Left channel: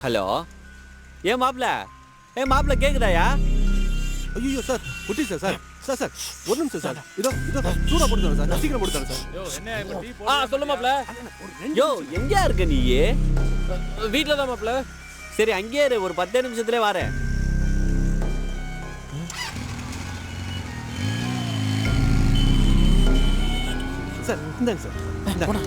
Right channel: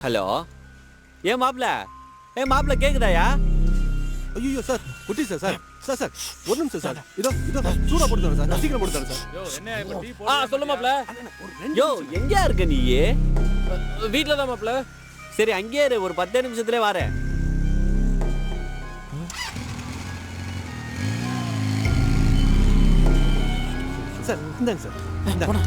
Hello ஏன் மாப்ள மாப்ள கேக்குதாயா? ஐயோ சார் குட்டி சார் சார் சார் சார் ஒரு நிமிஷம் சார் இதோ இதோ சூடா போட்டு தரேன் சார் சீக்கிரம் போட்டு தரேன் சார். யோ என்ன இப்ப டீ சொல்லு மாப்ள. யோ எங்கயா இருக்க நீ? வீட்ல தான் மாப்ள. சரி அங்கேயே இரு, ஒரு 10 நிமிஷத்துலயே வரேன். சார் இந்தாங்க சார் இந்தாங்க.